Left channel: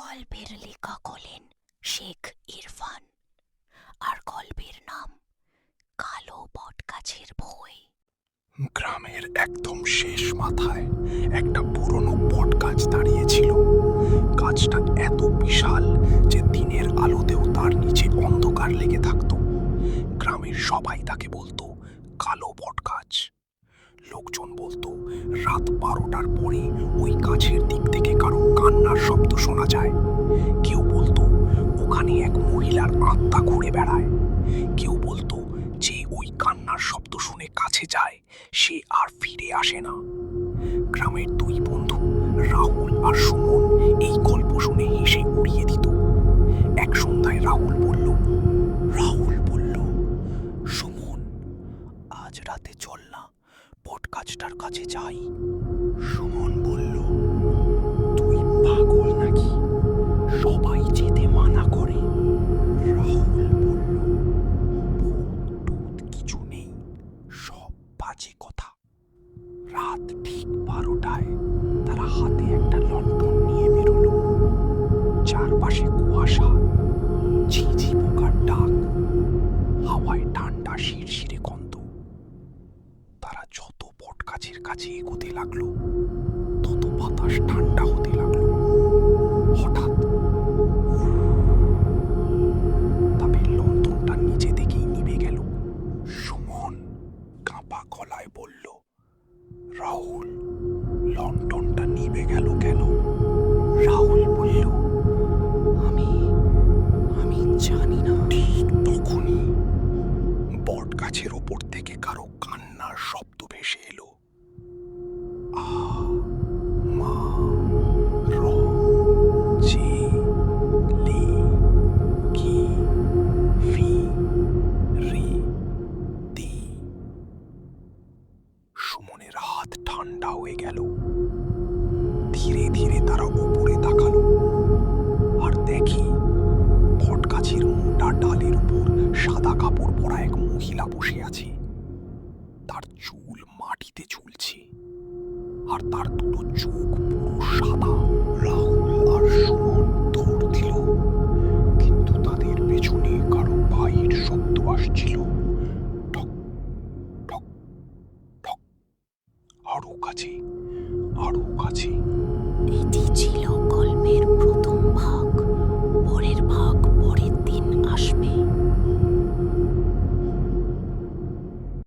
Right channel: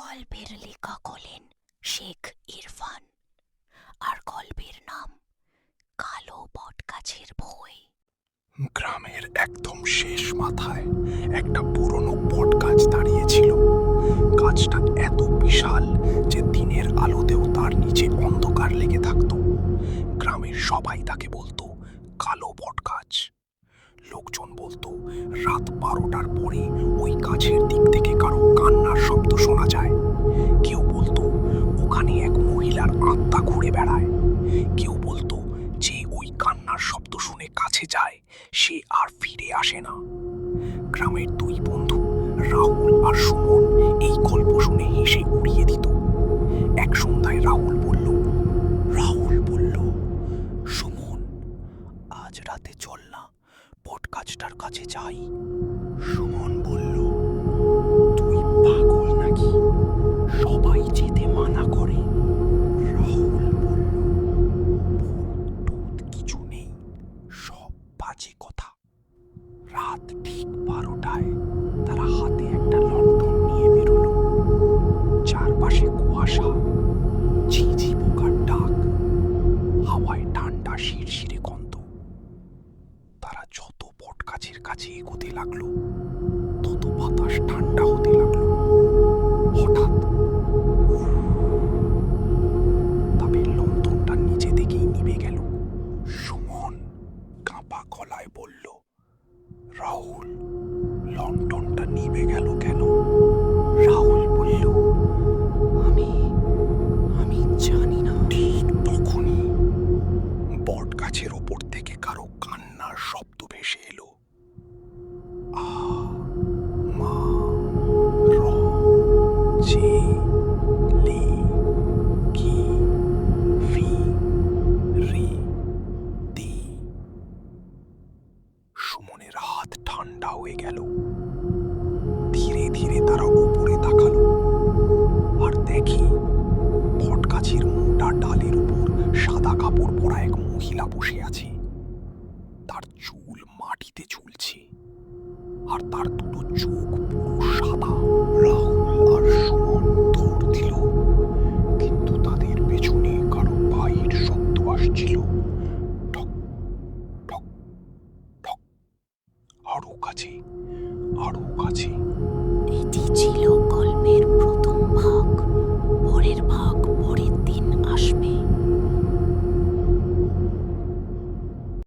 গল্পের লেখক হলেন শেখ ইরফান, আর গল্পের নাম কালো বটগাছের ভয়। গ্রামের একদম শেষ মাথায় একটা পুরনো বটগাছ দাঁড়িয়েছিল। গাছটা এত বিশাল যে দিনের আলোতেও তার নিচে অন্ধকার লেগে থাকতো। গ্রামের সবাই তাকে বলতো কালো বটগাছ। লোকজন বলতো রাত 12টার পরে ওই গাছের দিক থেকে কারো কান্নার শব্দ শোনা যায়। কেউ বলতো ওখানে এক মহিলার আত্মা ঘুরে বেড়ায়। কেউ বলতো যে ওই কান্নার শব্দ শুনে কাছে যায় সে আর ফিরে আসে না। গ্রামের দুই বন্ধু রাহুল আর সুমন এই গল্প শুনে হেসে উড়িয়ে দিত। এক সন্ধ্যায় রাহুল বলল, সুমন, আজ রাতে চল না, বটগাছটার কাছে যাই। সুমন বলল, তুই পাগল নাকি? সবাই যেতে মানা করে। রাহুল বলল, ভূত টুত কিছু নেই, সব বাজে কথা। রাত ঠিক 12টায় তারা হাতে একটা লণ্ঠন নিয়ে বেরোলো। চারপাশে কুয়াশা, ঝিঝি পোকার ডাক, হাওয়ায় ঠান্ডা শিরশিরে গন্ধ। তারা যত বটগাছের কাছে এগোতে লাগলো তত বাতাস ঠান্ডা হতে লাগলো। হঠাৎ তাদের লণ্ঠনটা নিচে থেকেই নিভে গেল। সুমন কাঁপা গলায় বলল, রাহুল, লণ্ঠনটা নিভে গেল কেন? রাহুল বলল, আমি জানি না। ঠিক তখনই বটগাছের ওপর থেকে কারো কান্নার শব্দ ভেসে এলো। আ মা র জে লে কি ফি রি দি। সুমনের হাত ঠান্ডা হয়ে গেল। ধীরে ধীরে তারা উপরে তাকালো আর দেখে বটগাছের মোটা ডালের উপর সাদা কাপড় পরা এক মহিলা বসে আছে। তার চুল মাটিতে ঝুলছে আর তার দুটো চোখ পুরো সাদা। রাহুল আর সুমন দৌড় দিল, কিন্তু তাদের পেছনে কারো পায়ের শব্দ আসছিল। ঠক ঠক ঠক, আরো কাছে, আরো কাছে। এটি ছিল গল্পের প্রথম